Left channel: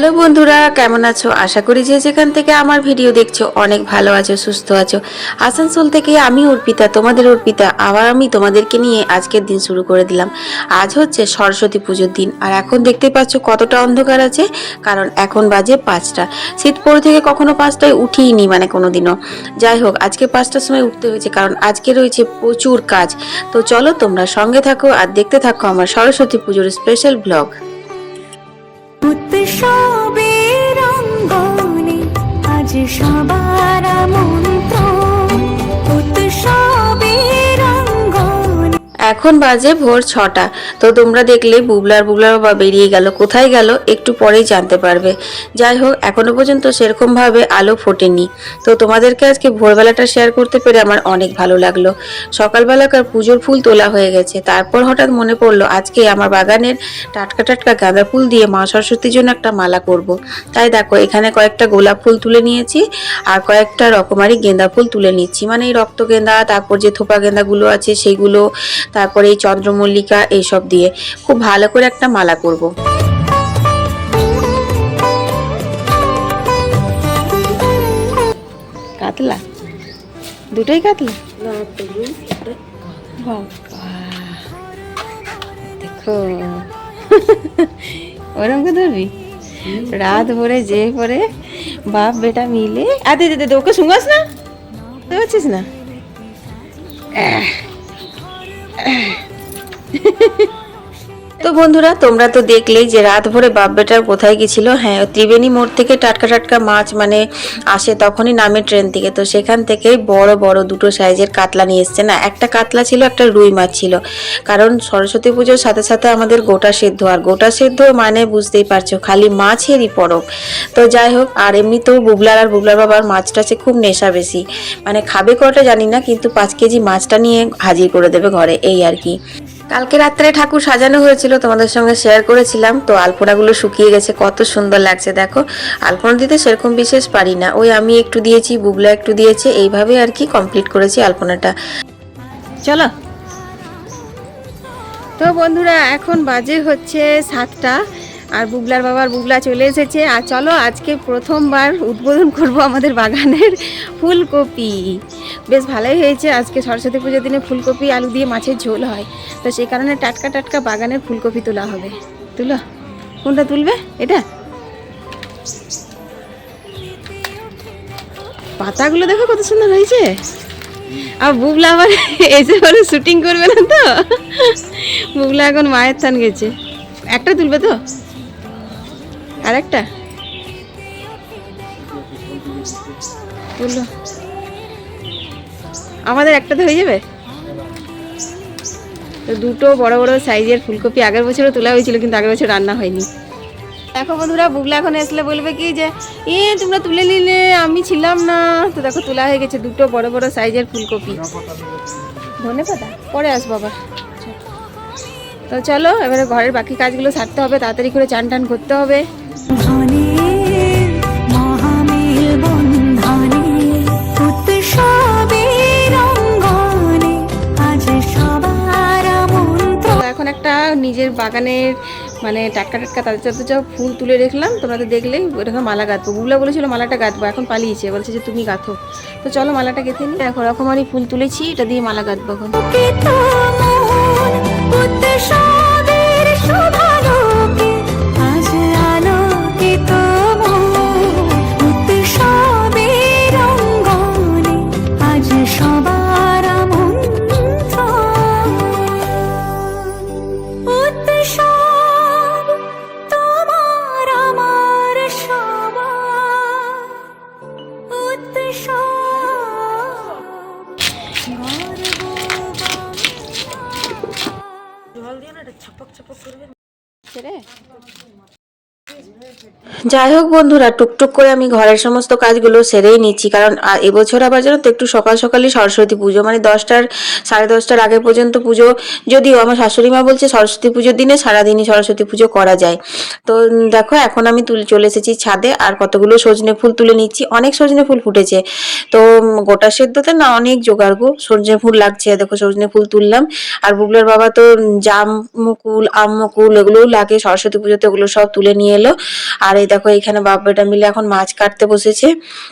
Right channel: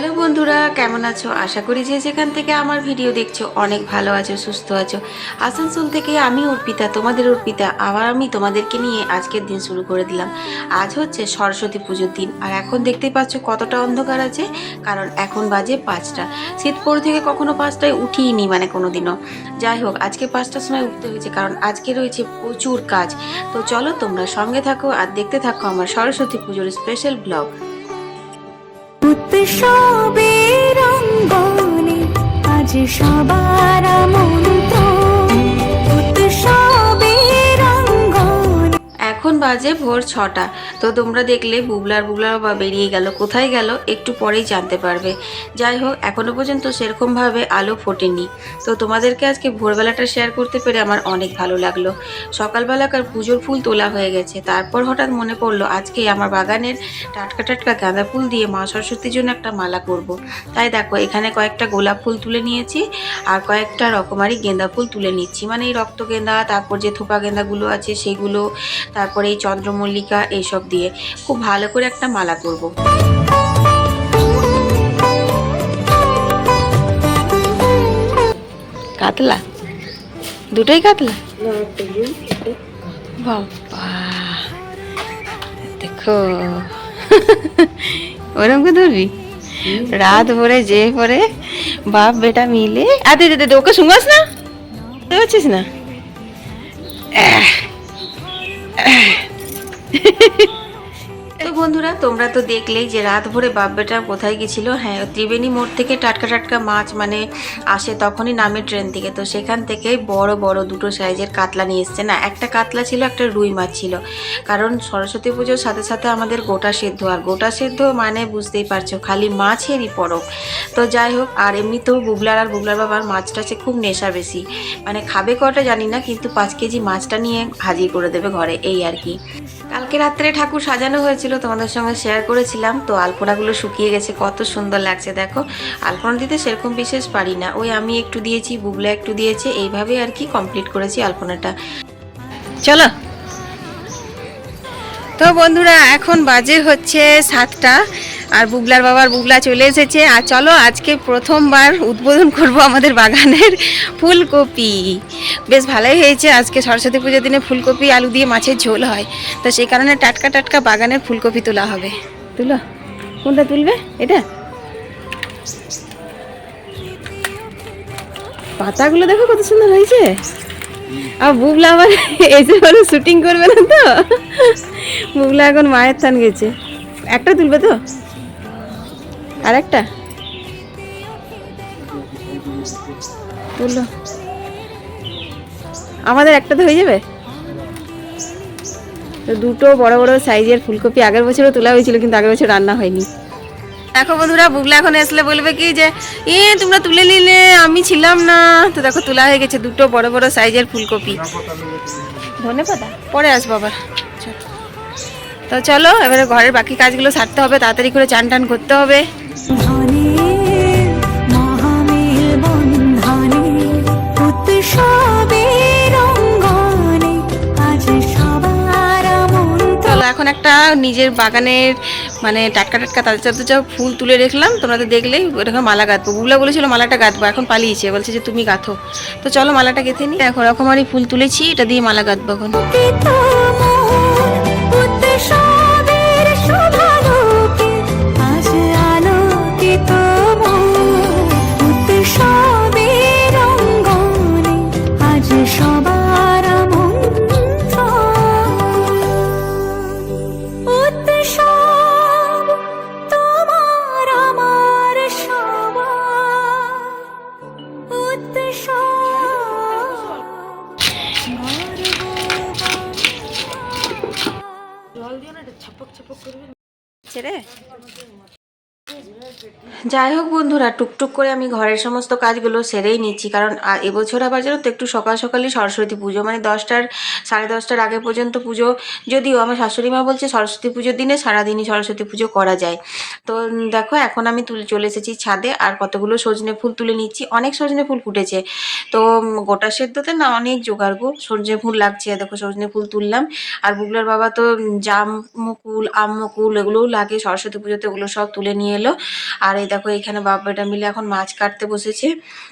Hello বন্ধুরা, কেমন আছো? আশা করি যে যেখান থেকে আমার ভিডিও দেখছ, অনেক ভালো আছো, সুস্থ আছো। আসানসোল থেকে আমি অর্পিতা, তোমাদের অর্পিতা। আবার আমি তোমাদেরকে নিয়ে আজকের দিন শুরু করে দিলাম। আজ হচ্ছে সরস্বতী পুজোর দিন, আর এখন দেখতে পাচ্ছ কতটা অন্ধকার আছে, কারণ এখন বাজে পাঁচটা। শীত পড়ে থেকে কখনো পাঁচটায় উঠিনি মানে কোনো দিনও যাই হোক, আজকে পাঁচটার সময় উঠতে হয়েছে, কারণ আজকে রয়েছে প্রচুর কাজ। তো চলো তোমরা সঙ্গে থাকো আর দেখতে থাকো আমার সরস্বতী পুজোর স্পেশাল ব্লগ। উৎসবের রঙ্গনে আজ সবার মন্ত্র এখন বাজে ভোর ছটা। তো তোমরা দেখলে বুবলার বুবলার বাবা বেরিয়ে গেল। কোথায় গেল একটু পরেই জানতে পারবে। যাই হোক, এখনও পর্যন্ত সেরকমভাবে আলো ফোটেনি। তো তোমাদেরকে আজকে ভোরবেলাটা শেয়ার করতে পেরে আমার অনেক ভালো লাগল। সকালবেলাকার পুজোর ফুল তোলা হয়ে গেছে। তারপর হঠাৎ মনে পড়ল, আজকে আমার বাগানের টাটকা টাটকা গাঁদা ফুল দিয়ে মা সরস্বতীর জন্য একটা মালা করব। তাই দেখো, এখানে কয়েকটা গোলাপ ফুল তুলে নিয়েছি আর কয়েকটা রকমারি গেঁদা ফুল তুলে নিচ্ছি। মানে এই রক্ত গেঁদা, তারপর যে থোপা গেঁদাগুলো আছে সেইগুলো তারপরে এই চন্দ্রমল্লিকা এইসব দিয়ে খুব ভালো করে একটা মালা করব। কাতলা? দুটোই কাতলা? বাবা দেখো। ওরম কে ধরবি? রাত ভরে যে পরে বাপ বেটা মিলে আদে দে দে ওকে শুঙ্গাস না? বুঝছিস না? 哎。嘿嘿嘿。তো বন্ধুরা, তোমরা তো দেখলেই যে রাত ভরে বাপ বেটার কোথায় গেছিল। হ্যাঁ ত্রিবেণী মোড় থেকে টাটকা টাটকা মাছ মানে আসে তখনই নামে ট্রেন থেকে। তো সেখান থেকেই বড় বড় দুটো সাইজের কাতলা নিয়ে এসছে। না, একটা কাতলা ছিল, একটা রুই মাছ ছিল। কারণ সরস্বতী পুজোর সাথে সাথে আমাদের গোটা সেদ্ধ। আর গোটা সেদ্ধ মানে বুঝতেই পারছ, খালি মাছেরই পরব। তো যাই হোক, আর এমনিতেও বুবলার আর বুবলার বাবার মাছটা সে খুব নেশা বেশি। মানে খাবে কটা জানি না, কিন্তু পাঁচ কেজি মাছটা নিয়ে হাজির করে দেবে ঘরে, এই আর কি। কালকে রাত্রে ঠাকুর সাজানো হয়েছিল, তোমাদের সঙ্গে শেয়ার করেছিলাম। তো আলপনাগুলো শুকিয়ে গেছে, কত সুন্দর লাগছে, দেখো। আলপনা দিতে সেরকম বিশেষ পারি না। ওই আমি একটু দিয়েছি, বুবলা একটু দিয়েছে, এইভাবে আর কি কমপ্লিট করেছি আলপনাটা। চলো। তো বন্ধুরা, এখন বাজে হচ্ছে সাতটা। আর বুবলার বাবার বুগলা চলে এসেছে। আর চলো আজকে প্রথমবার উদ্বোধন করব আমাদের বাগানের ফুলকপি। বেশ ভালোই হয়েছে আজকে সরস্বতী পুজোর দিনে ফুলকপি, আলু দিয়ে মাছের ঝোল হয়। তো সেই কারণে টাটকা টাটকা বাগানের ফুলকপি তোলা হবে। তুলো, কোনটা তুলবে? এটা? পাতাগুলো দেখো কত সুন্দর হয়েছে। আর বুবলা আবার এসে বলে শুটিং করবে না তো? বুবলা এখন মায়ের থান গেছে। একটা তুলবে তো? আর একটা আমাদের একটা তো হয়ে যাবে? তো দুটো বড় বড় সাইজের ফুলকপি আগের বছরও তোলা হয়েছিল কিন্তু আগের বছর রান্না হয়নি। দেখো বন্ধুরা বুবলা এখন আসলে বলবে কি যে এ তোমরা তুলে নিলে আমি ছিলাম না। তো দেখো তোলা হয়ে গেছে দুটো বড় বড় সাইজের ফুলকপি। ধনে পাতা পরে আসব আবার। তো চলো এবারে ঘরের বাকি কাজগুলো সারতে হবে তাড়াতাড়ি করে চান টান করতে হবে। এখন একটা নিজের বাগানের মানে টাটকা টাটকা তাজা তাজা ফুল তুলে রেখলাম তোমরা তো দেখলেই ওরকম মালা গাঁথবো। বুবলা বলেছিল মালাটা গাঁথবো এখন পালিয়েছে বলছে যে তুমি গাঁথো। তো চলো মালাটা গেঁথে নিই এখন রকমারি ফুল তুলেছি এটা দিয়ে মালা গাঁথবো এখন। উৎসব ছেড়ে? যাই হোক বন্ধুরা, টুকটুক করে আমি ঘরের সমস্ত কাজগুলো সেরেই নিচ্ছি, কারণ এবছর আবার জানো তো একটু সকাল সকালই সরস্বতী পুজো মানে দশটার, সাড়ে দশটার আগে পর্যন্ত পুজো, যদিও আমার শাশুড়ি মা বলছে সরস্বতী পুজোর দিনে সারাদিনই সরস্বতী পুজো করা যায়। তো দেখো, এখন আমি তুলে, চলে এসেছি ছাদে, আর কতগুলো সজনে ফুল তুলে নিচ্ছি, অনেক সজনে ফুল ফুটেছে। তো গোটা সেদ্ধতে না অনেক জোগাড় গো, সজনে ফুল লাগছে, দেখো সজনে ফুল তুললাম, আর বুবলার বাবা তো জাম মুকুল, আম মুকুল, এগুলোও লাগে, সরস্বতী পুজোতে ওগুলো সব তুলে নিয়ে এলো আর এই দেখো, এখানে বাপ বেটা মিলে এখন মাছ কাটতে বসেছে।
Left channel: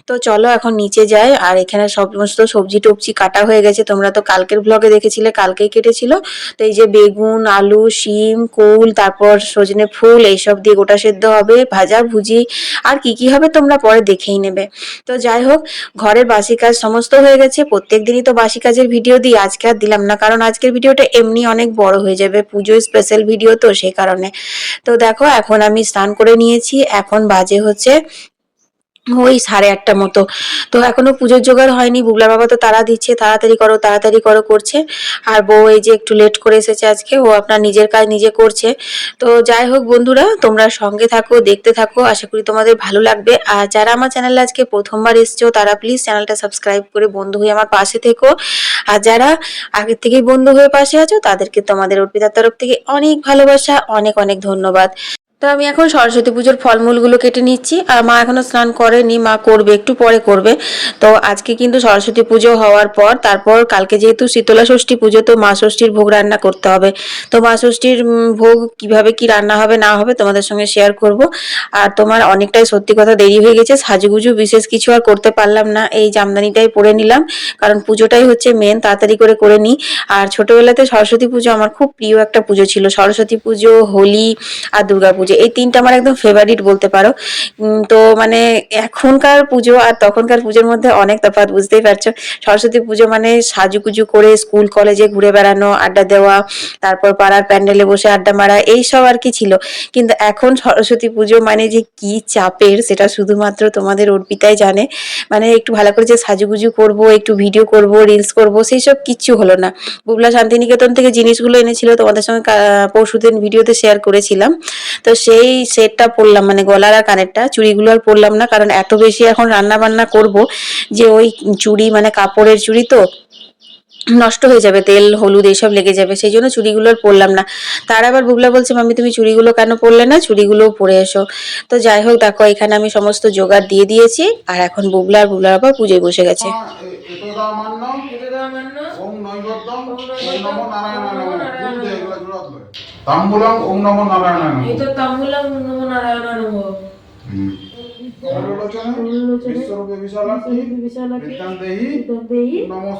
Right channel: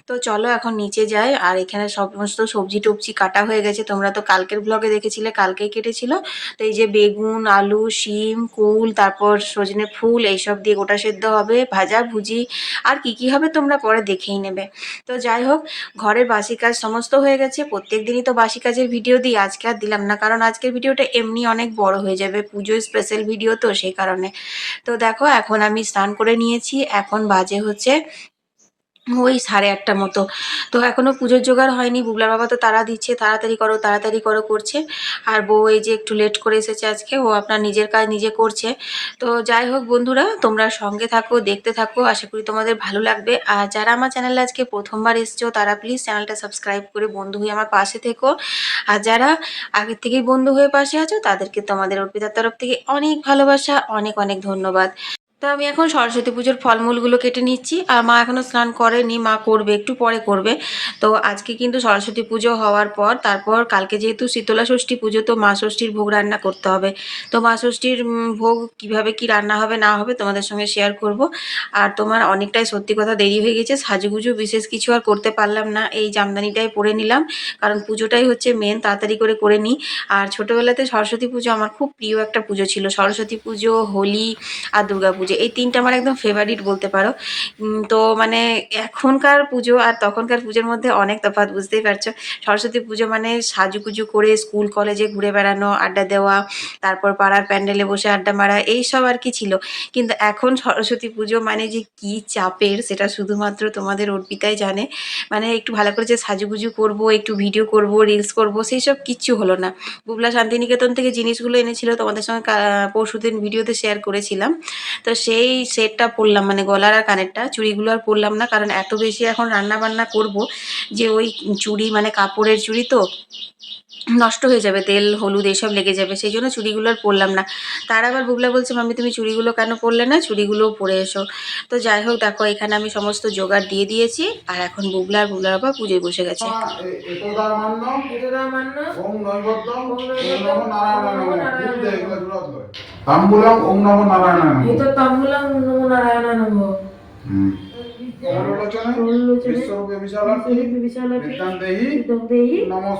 তো চলো এখন নিচে যাই। আর এখানে সমস্ত সবজি টবজি কাটা হয়ে গেছে। তোমরা তো কালকের ব্লগে দেখেছিলে, কালকেই কেটেছিল। তো এই যে বেগুন, আলু, শিম, কুল, তারপর সজনে ফুল, এইসব দিয়ে গোটা সেদ্ধ হবে, ভাজা, ভুজি। আর কি কি হবে তোমরা পরে দেখেই নেবে। তো যাই হোক, ঘরের বাসি কাজ সমস্ত হয়ে গেছে। প্রত্যেক দিনই তো বাসি কাজের ভিডিও দিই, আজকে আর দিলাম না। কারণ আজকের ভিডিওটা এমনি অনেক বড় হয়ে যাবে। পুজো স্পেশাল ভিডিও তো সেই কারণে। তো দেখো, এখন আমি স্নান করে নিয়েছি। এখন বাজে হচ্ছে ওই সাড়ে আটটা মতো। তো এখনও পুজোর জোগাড় হয়নি। বুবলা বাবা তো তারা দিচ্ছে, তাড়াতাড়ি করো তাড়াতাড়ি করো করছে। আর বউ এই যে একটু লেট করে এসেছে আজকে, ও আপনার নিজের কাজ নিজে করছে। তো যাই হোক বন্ধুরা, তোমরা সঙ্গে থাকো, দেখতে থাকো। আশা করি তোমাদের ভালো লাগবে। আর যারা আমার চ্যানেলে আজকে প্রথমবার এসছো, তারা প্লিজ চ্যানেলটা সাবস্ক্রাইব করে বন্ধু হয়ে আমার পাশে থেকো। আর যারা আগের থেকেই বন্ধু হয়ে পাশে আছো, তাদেরকে তোমাদের অর্পিতার তরফ থেকে অনেক ভালোবাসা, অনেক অনেক ধন্যবাদ। তো আমি এখন সরস্বতী পুজোর ফলমূলগুলো কেটে নিচ্ছি আর মা এখনও স্নান করেনি, মা করবে, একটু পরে করবে। তো আজকে কিন্তু সরস্বতী পুজো হওয়ার পর, তারপর কালকে যেহেতু শীতলা ষষ্ঠী পুজো, তো মা ষষ্ঠীর ভোগ রান্না করতে হবে। তো মা ষষ্ঠীর ভোগ কীভাবে কি রান্না হবে, না হবে তোমাদের সঙ্গে শেয়ার করব। আর তোমার অনেকটাই সত্যি কথা দেরি হয়ে গেছে, সাজুগুজু বিশেষ কিছু আর করতে পারলাম না, এই জামদানিটাই পরে নিলাম। কারণ পুজোটাই হচ্ছে মেন তাড়াতাড়ি করে করে নিই। আর ছোটবেলাতে সরস্বতী পুজো আমার খুব প্রিয় একটা পুজো ছিল, সরস্বতী পুজো, হোলি আর দুর্গা পুজো। এই তিনটা আমার একদম ফেভারিট বলতে পারো। তো মানে এখনকার পুজো আর তখনকার পুজোর মধ্যে অনেক তফাৎ, বুঝতেই পারছ? সরস্বতী পুজো মানে সাজুগুজু করে স্কুল কলেজে ঘুরে বেড়ানো, আড্ডা দেওয়া, তারপর পাড়ার প্যান্ডেলে বসে আড্ডা মারা এই সব আর কি ছিল। কিন্তু এখন সরস্বতী পুজো মানে যে কি চাপের, সেটা শুধুমাত্র তোমাদের অর্পিতাই জানে। মানে একটু ভালো করে যে সাজুগুজু করব, একটু ভিডিও করব রিলস করব সেই সব কিচ্ছু হলো না। বুবলা শান্তিনিকেতন থেকে জিনিসগুলো এনেছিল, তোমাদের সঙ্গে পরশুদিন ভিডিওতে শেয়ার করেছিলাম। তো সেই সেটটা পরলাম মানে গলার আর কানেরটা। চুড়িগুলো আর পরলাম না কারণ এত বেশি এখন রান্না বান্না করব যে ওই চুড়ি মানে কাপড়ের চুড়ি তো নষ্ট হয়ে যাবে তেল হলুদ এইসব লেগে যাবে সেই জন্য চুড়িগুলো আর পরলাম না। তার আবার বুবলা বলছে মাম্মি তুমি চুড়িগুলো কেন পরলে না? চুড়িগুলো পরে এসো। তো যাই হোক দেখো এখানে আমি সমস্ত জোগাড় দিয়ে দিয়েছি আর এখন বুবলা আর বুবলার বাবা পুজোয় বসে গেছে। ওম নৈবদ্যম ওম নমো নারায়ণায় নমঃ। লয় তাম্বুলম ওম নমো নারায়ণায় নমঃ। এতো তাম্বুলাম নমো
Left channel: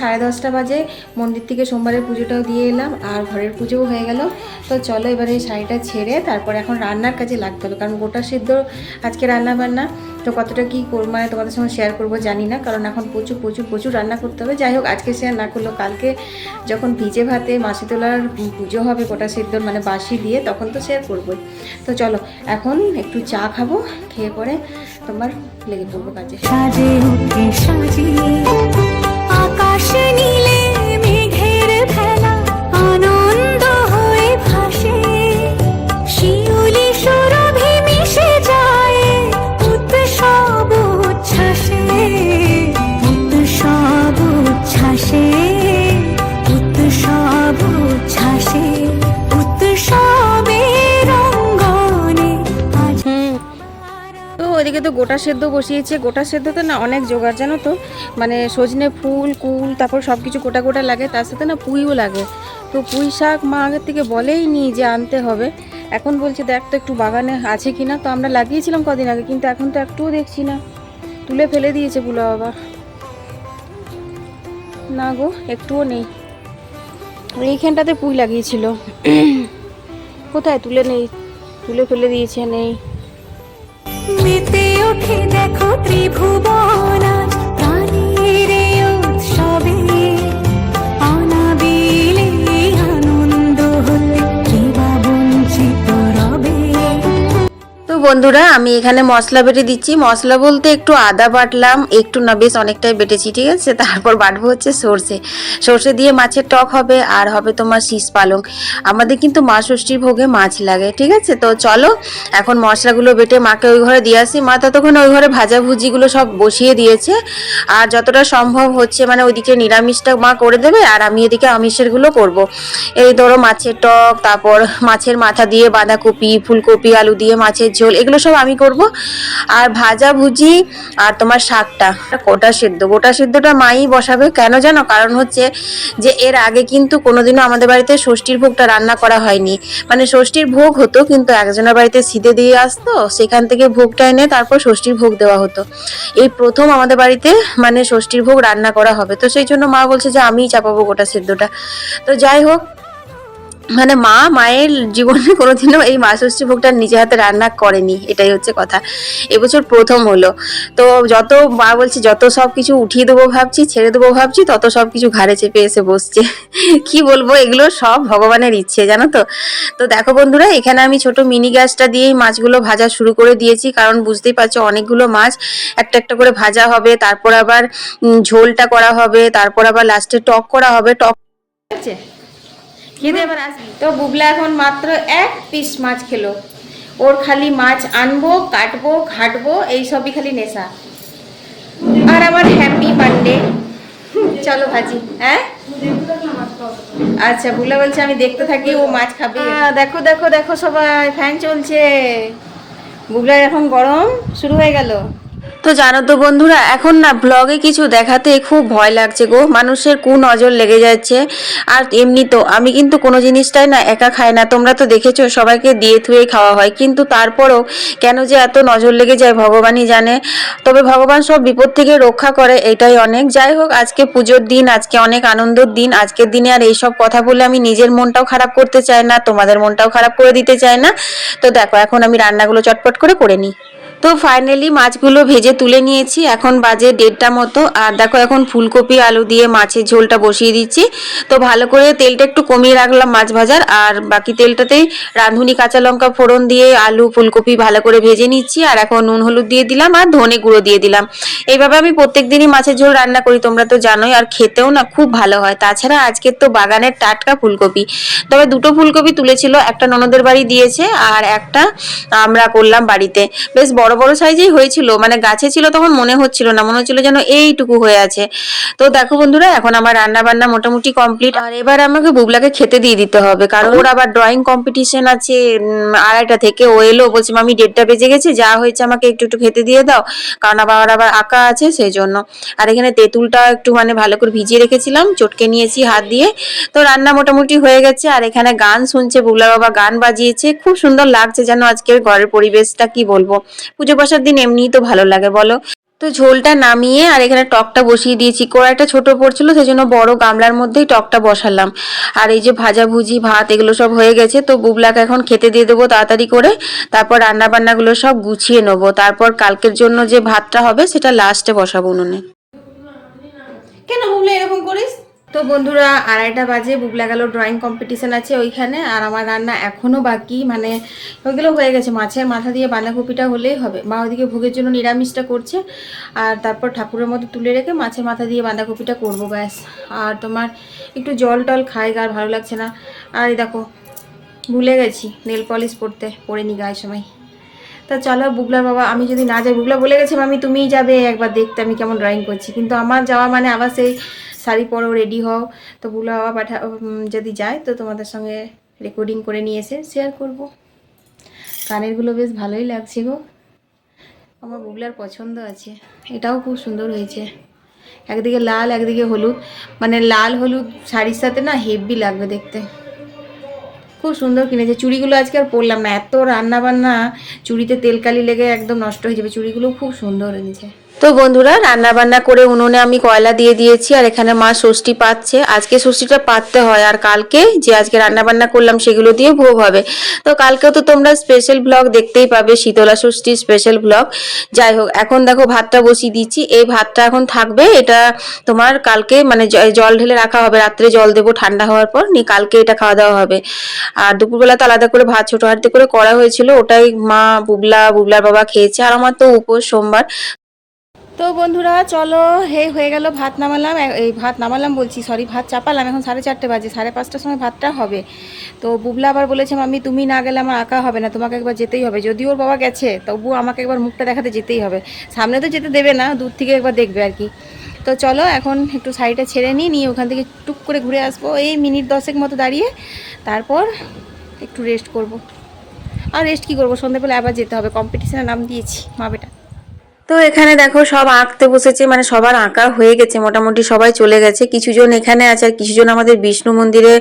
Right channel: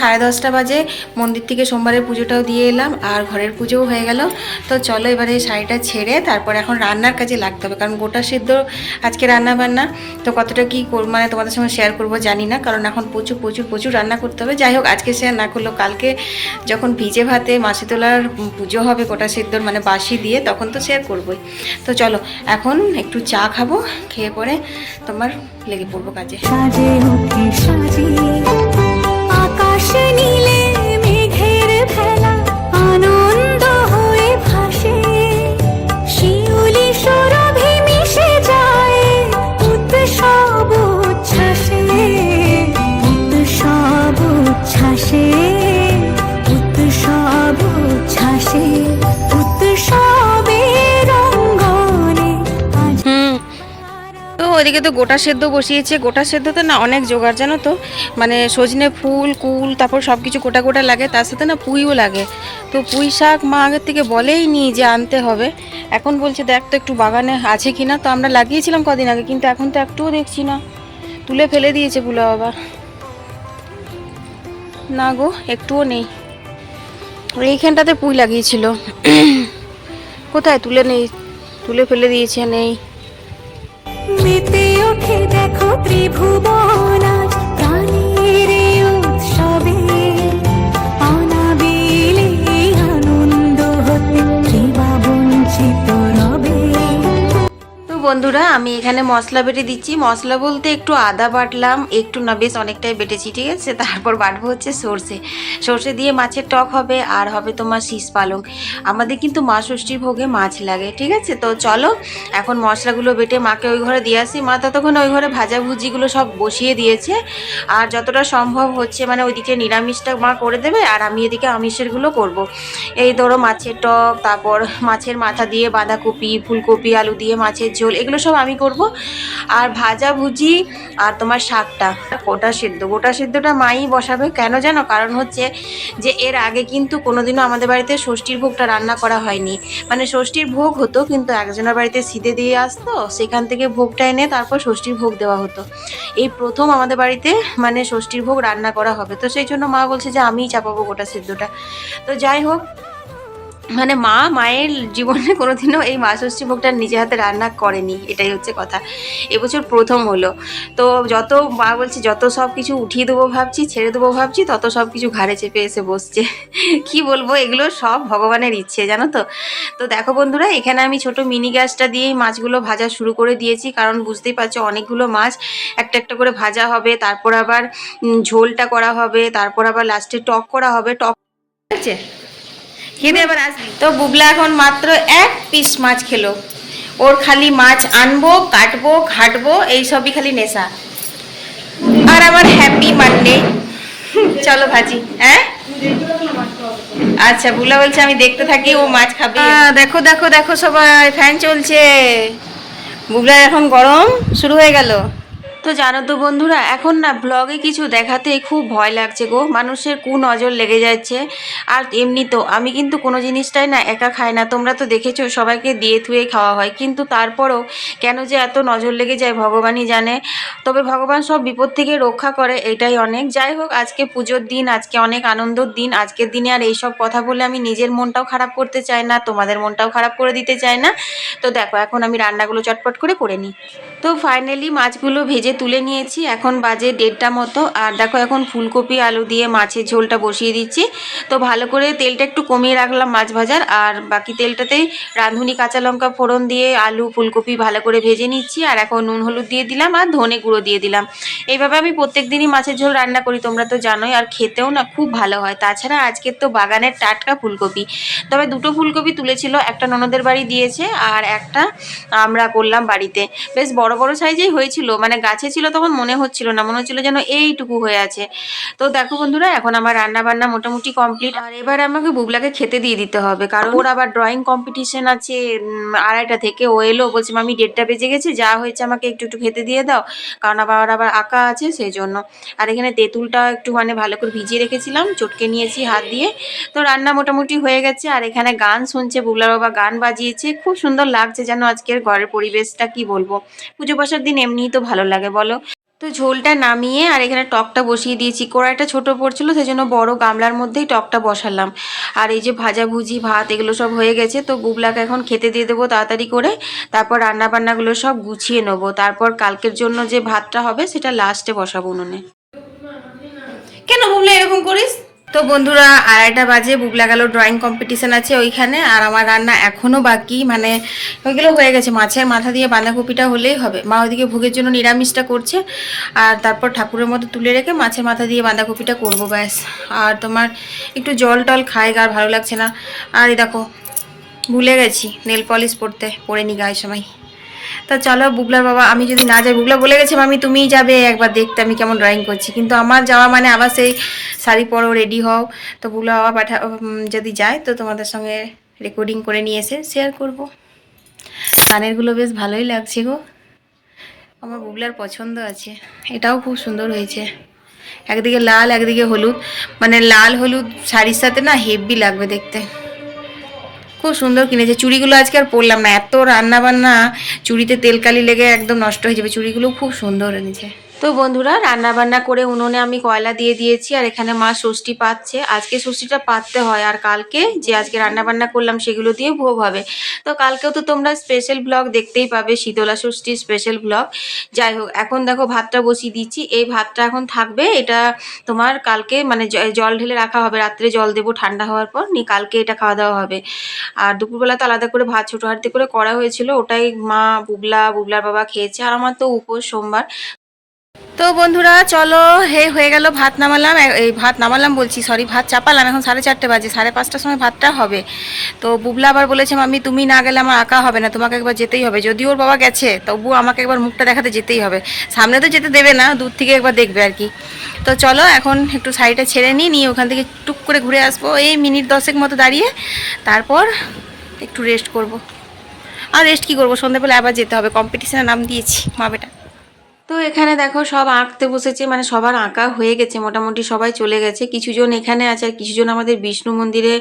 সাড়ে দশটা বাজে। মন্দির থেকে সোমবারের পুজোটাও দিয়ে এলাম আর ঘরের পুজোও হয়ে গেল। তো চলো এবারে এই শাড়িটা ছেড়ে তারপর এখন রান্নার কাজে লাগতে হবে, কারণ গোটা সিদ্ধ আজকে রান্না বান্না তো কতটা কী মানে তোমাদের সঙ্গে শেয়ার করব জানি না, কারণ এখন প্রচুর প্রচুর প্রচুর রান্না করতে হবে। যাই হোক, আজকে শেয়ার না করলেও কালকে যখন ভিজে ভাতে মাসি তোলার পুজো হবে গোটা সিদ্ধর মানে বাসি দিয়ে, তখন তো শেয়ার করবোই। তো চলো, এখন একটু চা খাব, খেয়ে পরে তোমার লেগে পড়ব কাজে। সাজে ওঠে সাজিয়ে আকাশে নীলে তো গোটা সেদ্ধ বসিয়েছে। গোটা সেদ্ধতে না অনেক জোগাড়, জানো তো? মানে সজনে ফুল, কুল, তারপর সব কিছু গোটা গোটা লাগে। তার সাথে না পুঁইও লাগে। তো পুঁই শাক মা আগের থেকে বলেই নি যে আনতে হবে। এখন বলছে, দেখ তো একটু বাগানে আছে কি না তো আমরা লাগিয়েছিলাম কদিন আগে, কিন্তু এখন তো একটুও দেখছি না। তুলে ফেলে দিয়েছে বুলো বাবা। না গো, একটুও নেই। এইখানটাতে পুঁই লাগিয়েছিল। কোথায়? তুলে নেই। তুলে ফেলে দিয়েছে, নেই। ওঠে দেখো ত্রিভুবন প্রাণীর উৎসবে বন্ধুরা, আমি এখানে মশলা বেটে দিচ্ছি। মশলা বলতে একটু আদা বাটলাম, একটু না, বেশ অনেকটাই বেটেছি, ঠিক আছে? তারপর বাটবো হচ্ছে সর্ষে। সর্ষে দিয়ে মাছের টক হবে, আর হবে তোমার শীষ পালং। আমাদের কিন্তু মা ষষ্ঠীর ভোগে মাছ লাগে, ঠিক আছে? তো চলো, এখন মশলাগুলো বেটে মাকে ওই ঘরে দিয়ে আসি। মা ততক্ষণ ওই ঘরে ভাজাভুজিগুলো সব বসিয়ে দিয়েছে। আর যতটা সম্ভব হচ্ছে মানে ওইদিকে নিরামিষটা মা করে দেবে, আর আমি এদিকে আমিষেরগুলো করব। এই ধরো মাছের টক, তারপর মাছের মাথা দিয়ে বাঁধাকপি, ফুলকপি, আলু দিয়ে মাছের ঝোল এগুলো সব আমি করব। আর ভাজা ভুজি আর তোমার শাকটা গোটা সেদ্ধ। গোটা সেদ্ধটা মাই বসাবে। কেন জানো? কারণ হচ্ছে যে এর আগে কিন্তু কোনোদিনও আমাদের বাড়িতে ষষ্ঠীর ভোগটা রান্না করা হয়নি। মানে ষষ্ঠীর ভোগ হতো, কিন্তু একজনের বাড়িতে সিদে দিয়ে আসতো, সেখান থেকে ভোগটা এনে তারপর ষষ্ঠীর ভোগ দেওয়া হতো। এই প্রথম আমাদের বাড়িতে মানে ষষ্ঠীর ভোগ রান্না করা হবে। তো সেই জন্য মা বলছে যে আমিই চাপাবো গোটা সেদ্ধটা। তো যাই হোক মানে মা মায়ের জীবনে কোনোদিনও এই মা ষষ্ঠী ভোগটা নিজে হাতে রান্না করেনি, এটাই হচ্ছে কথা। এবছর প্রথম হলো। তো যত মা বলছে, যত সব কিছু উঠিয়ে দেবো ভাবছি, ছেড়ে দেবো ভাবছি, তত সব কিছু ঘাড়ে চেপে এসে বসছে। কি বলব, এগুলো সব ভগবানের ইচ্ছে, জানো তো? তো দেখো বন্ধুরা, এখানে আমি ছোট মিনি গ্যাসটা দিয়েই মাছগুলো ভাজা শুরু করে দিয়েছি, কারণ বুঝতেই পারছ অনেকগুলো মাছ একটা একটা করে ভাজা হবে, তারপর আবার ঝোলটা করা হবে, তারপর আবার লাস্টে টক করা হবে, টক আছে খেতে আবার আসবি। তো বুবলা এখন মাত্র এক পিস মাছ খেলো। ওর খালি মাছ আনব, কাটবো, ঘাটবো, এই সবই খালি নেশা। আর আমার হ্যাপি মানডে চলো ভাজি হ্যাঁ? আচ্ছা বুলা বলছে আমি দেখতে থাকি, ও মাছ খাবে। দেখো দেখো দেখো সবাই, ফ্যান চলছে। বুবলার এখন গরম, শুরু হয়ে গেল। তো জানো তো বন্ধুরা, এখন না ব্লগে কিছু দেখাতে খুব ভয় লাগছে গো। মানুষের কু নজর লেগে যাচ্ছে। আর এমনি তো আমি কিন্তু কোনো জিনিসটাই না একা খাই না। তোমরা তো দেখেছ, সবাইকে দিয়ে থুয়ে খাওয়া হয়। কিন্তু তারপরও কেন যে এত নজর লেগে যায় ভগবানই জানে। তবে ভগবান সব বিপদ থেকে রক্ষা করে, এটাই অনেক। যাই হোক, আজকে পুজোর দিন, আজকে অনেক আনন্দের দিন। আজকের দিনে আর এইসব কথা বলে আমি নিজের মনটাও খারাপ করতে চাই না, তোমাদের মনটাও খারাপ করে দিতে চাই না। তো দেখো, এখন আমি রান্নাগুলো চটপট করে করে নিই। তো ফাইনালি মাছগুলো ভেজে তুলে নিয়েছি। এখন বাজে দেড়টা মতো। আর দেখো এখন ফুলকপি, আলু দিয়ে মাছের ঝোলটা বসিয়ে দিচ্ছি। তো ভালো করে তেলটা একটু কমিয়ে রাখলাম মাছ ভাজার। আর বাকি তেলটাতেই রাঁধুনি কাঁচা লঙ্কা ফোড়ন দিয়ে আলু, ফুলকপি ভালো করে ভেজে নিচ্ছি। আর এখন নুন হলুদ দিয়ে দিলাম আর ধনে গুঁড়ো দিয়ে দিলাম। এইভাবে আমি প্রত্যেক দিনই মাছের ঝোল রান্না করি, তোমরা তো জানোই। আর খেতেও না খুব ভালো হয়। তাছাড়া আজকের তো বাগানের টাটকা ফুলকপি। তবে দুটো ফুলকপি তুলেছিল, একটা ননদের বাড়ি দিয়েছে আর একটা আমরা করলাম বাড়িতে। বেশ বড় বড় সাইজেই হয়েছিল মানে গাছে ছিল তখন মনে হচ্ছিল না, মনে হচ্ছিল যেন এইটুকু হয়ে আছে। তো দেখো বন্ধুরা, এখন আমার রান্না বান্না মোটামুটি কমপ্লিট আর এবার আমাকে বুবলাকে খেতে দিয়ে দিতে হবে, কারণ ওর আবার ড্রয়িং কম্পিটিশন আছে আড়াইটা থেকে। ও এলো, বলছে, মামি, দেড়টা বেজে গেছে, যা হয়েছে আমাকে একটু একটু খেতে দিয়ে দাও। কারণ আবার আবার আঁকা আছে সেই জন্য আর এখানে তেঁতুলটা একটু মানে ভালো করে ভিজিয়ে রেখেছিলাম, চটকে নিয়েছি হাত দিয়ে। তো রান্না মোটামুটি হয়ে গেছে, আর এখানে গান শুনছে, বুবলা বাবা গান বাজিয়েছে। খুব সুন্দর লাগছে যেন আজকের ঘরের পরিবেশটা, কি বলব? পুজো বসার দিন এমনিই তো ভালো লাগে, বলো? তো ঝোলটা নামিয়ে আর এখানে টকটা বসিয়ে দিয়েছি। কড়াইটা ছোট পড়ছিল সেই জন্য বড় গামলার মধ্যেই টকটা বসালাম। আর এই যে ভাজা ভুজি, ভাত, এগুলো সব হয়ে গেছে, তো বুবলাকে এখন খেতে দিয়ে দেবো তাড়াতাড়ি করে। তারপর রান্না বান্নাগুলো সব গুছিয়ে নেব। তারপর কালকের জন্য যে ভাতটা হবে, সেটা লাস্টে বসাবো উনুনে। কেন বুবলা এরকম করিস? তো বন্ধুরা, আড়াইটা বাজে, বুবলা গেল ড্রয়িং কম্পিটিশান আছে ওইখানে, আর আমার রান্না এখনও বাকি মানে ওইগুলো হয়ে গেছে। মাছের মাথা দিয়ে বাঁধাকপিটা হলেই হবে। মা ওইদিকে ভোগের জন্য নিরামিষটা করছে, আর তারপর ঠাকুরের মতো তুলে রেখে মাছের মাথা দিয়ে বাঁধাকপিটা করব, ব্যাস। আর তোমার একটু জল টল খাই আর ভালো লাগছে না। আর দেখো, ভুলে গেছি নেল পলিশ পরতে পরে নি গায়ে সময়। তা চলো, বুবলার বাবা, আমি যদি না যাই, বুবলা বলে গেছে, মামি, তুমিই যাবে। একবার দেখতে আমি কেমন ড্রয়িং করছি। কিন্তু আমার যাওয়া মানে আবার সেই শাড়ি পরো রেডি হও। তো বুবলা বাবা পাঠা যদি যায়, তো তোমাদের সঙ্গে রেকর্ডিং করে নিয়ে এসে শেয়ার করব। কানেরগুলো বেশ ভালোই লাগছে গো। আমার বুবলার পছন্দ আছে। এটাও খুব সুন্দর হয়েছে। একদিকে লাল, একদিকে হলুদ। মানে লাল, হলুদ শাড়ির সাথে না হেভি লাগবে দেখতে। খুব সুন্দর কিনেছে। চুড়িগুলো আজকে আর পরলাম না। এত রান্না বান্না চুড়িতে তেলকালি লেগে একদম নষ্ট হয়ে যাবে। চুড়িগুলো খুব সুন্দর এনেছে। তো বন্ধুরা রান্না বান্না করে উনুনে আমি কয়লা দিয়ে দিয়েছি আর এখানে মা ষষ্ঠী পাচ্ছে। আজকে ষষ্ঠীটা পাততে হয় আর কালকে যে আজকে রান্না বান্না করলাম সেগুলো দিয়ে ভোগ হবে। তো কালকেও তো তোমরা স্পেশাল ব্লগ দেখতেই পাবে, শীতলা ষষ্ঠীর স্পেশাল ব্লগ যাই হোক, এখন দেখো ভাতটা বসিয়ে দিচ্ছি। এই ভাতটা এখন থাকবে, এটা তোমার কালকে মানে জল ঢেলে রাখা হবে। রাত্রে জল দেবো ঠান্ডা হওয়ার পর নি কালকে এটা খাওয়া দাওয়া হবে। আর দুপুরবেলা তো আলাদা করে ভাত ছোটো হাঁড়িতে করে করা হয়েছিল। ওটাই মা, বুবলা, বুবলার বাবা খেয়েছে। আর আমার তো উপোস সোমবার। তো বন্ধুরা, চলো, হে, হয়ে গেল, ভাত নামালাম। এই ভাত নামালাম বলছি সরি ভাত চাপালাম। এখন সাড়ে চারটে বাজে, সাড়ে পাঁচটার সময় ভাতটা হবে। তো বুবলা আবার বলেছে, মাম্মি, তুমি না গেলে আমার আঁকা হবে না, তোমাকে একবার যেতেই হবে। যদিও ওর বাবা গেছে তবু আমাকে একবার মুখটা দেখাতে যেতেই হবে। সামনে তো যেতে দেবে না, দূর থেকে একবার দেখবে আর কি। তো চলো, এখন একটু শাড়িটা ছেড়ে নিই, নিয়ে ওখান থেকে টুক করে ঘুরে আসব। এই মিনিট দশেক মতো দাঁড়িয়ে, তারপর একটু রেস্ট করব। আর রেস্ট কী করব? সন্ধ্যেবেলা আবার যেতে হবে কম্পিটিশনে নাম দিয়েছি মা বেটা তো এখানে দেখো সব আঁকতে বসেছে মানে সবার আঁকা হয়ে গেছে, মোটামুটি সবাই চলে গেছে। কিছুজন এখানে আছে আর কিছুজন আমাদের বিষ্ণু মন্দিরে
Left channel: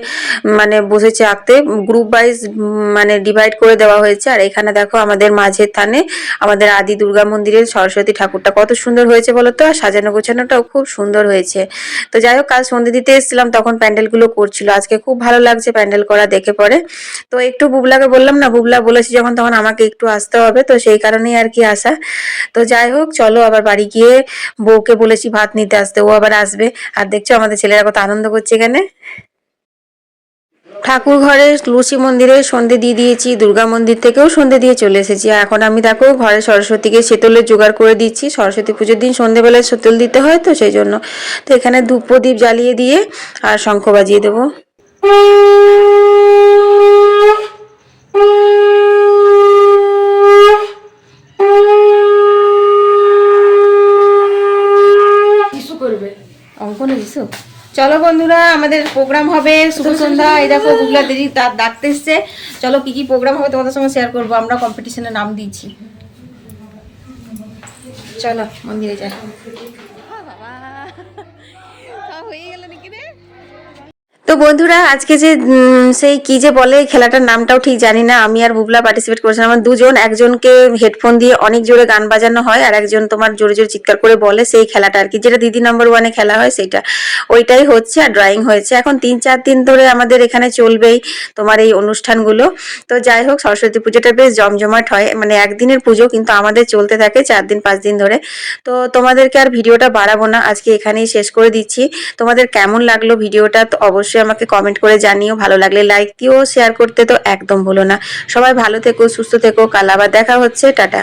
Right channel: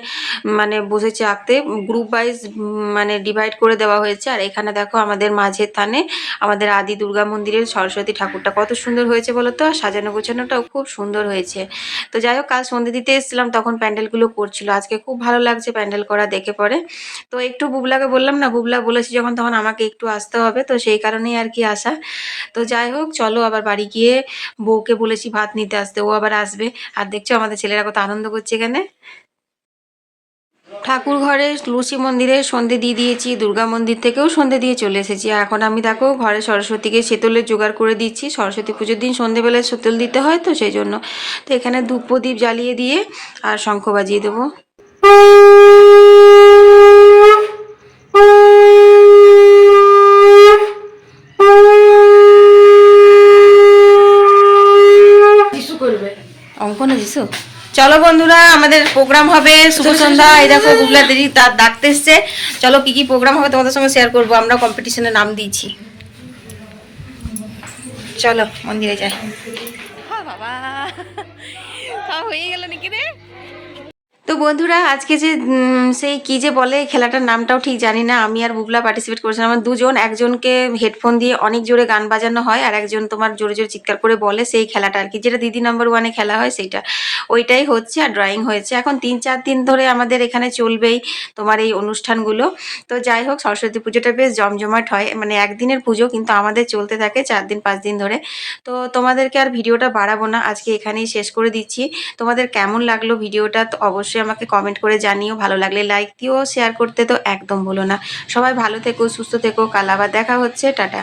মানে বসেছে আঁকতে। গ্রুপ ওয়াইজ মানে ডিভাইড করে দেওয়া হয়েছে। আর এখানে দেখো আমাদের মাঝের থানে আমাদের আদি দুর্গা মন্দিরের সরস্বতী ঠাকুরটা। কত সুন্দর হয়েছে বলো তো? আর সাজানো গোছানোটাও খুব সুন্দর হয়েছে। তো যাই হোক, কাল সন্ধে দিতে এসেছিলাম, তখন প্যান্ডেলগুলো করছিল। আজকে খুব ভালো লাগছে প্যান্ডেল করা দেখে পরে। তো একটু বুবলাকে বললাম না, বুবলা বলেছি যখন, তখন আমাকে একটু আসতে হবে। তো সেই কারণেই আর কি আসা। তো যাই হোক, চলো আবার বাড়ি গিয়ে বউকে বলেছি ভাত নিতে আসতে, ও আবার আসবে। আর দেখছ, আমাদের ছেলেরা কত আনন্দ করছে এখানে। ঠাকুর ঘরে লুচি মন্দিরে সন্ধে দিয়ে দিয়েছি, দুর্গা মন্দির থেকেও সন্ধে দিয়ে চলে এসেছি। এখন আমি দেখো, ঘরে সরস্বতীকে শীতলের জোগাড় করে দিচ্ছি। সরস্বতী পুজোর দিন সন্ধেবেলায় শীতল দিতে হয় তো, সেই জন্য। তো এখানে ধূপ প্রদীপ জ্বালিয়ে দিয়ে আর শঙ্খ বাজিয়ে দেবো কিছু করবে অঙ্কনে দিছো চলো বন্ধুরা আমাদের প্রোগ্রাম হবে শুভ সন্ধ্যা। এই দেখো গুগলা দিদি তার ডাকতে এসছে। চলো কি কি প্রোগ্রাম হবে তোমাদের সঙ্গে শেয়ার করব আমরা কম্পিটিশনে নাম দিয়েছি। চলো মন্দিরে যাই। বাবা। সব হয়ে গেল নাকি রে? তো বন্ধুরা, আজকে যে সেই কি যে বলে, খেলাটার নামটাও ঠিক জানি না। আমি আর বুবলা পার্টিসিপেট করেছিলাম। আমার দুজন, একজনকে হেডফোন দিয়ে অনেক জোরে গান বাজানো হয়, আর একজন তোমার জোরে জোরে চিৎকার করে বলে সেই খেলাটা আর কি, যেটা দিদি নাম্বার ওয়ানে খেলা হয় সেটা। ওইটাই হচ্ছে আর ড্রয়িং হয়েছে। এখন তিন চার দিন ধরে আমাদের এখানে চলবেই তোমার এই অনুষ্ঠানগুলো। তো যাই হোক, সরস্বতী পুজোটা বেশ জমজমাট হয়। মানে একদিনের পুজো, কিন্তু আমাদের চলতে থাকে চার দিন, পাঁচ দিন ধরে। তো তোমাদেরকে আর ভিডিওটা বাড়াবো না। আজকে এখানেই শেষ করে দিচ্ছি। তোমাদের কেমন লাগল ভিডিওটা, তো অবশ্যই আমাকে কমেন্ট করে জানিও, ভালো লাগলে লাইক দিও শেয়ার করতে তো একদম ভুলো না। সবাই ভালো থেকো, সুস্থ থেকো, কাল আবার দেখা হচ্ছে, টাটা।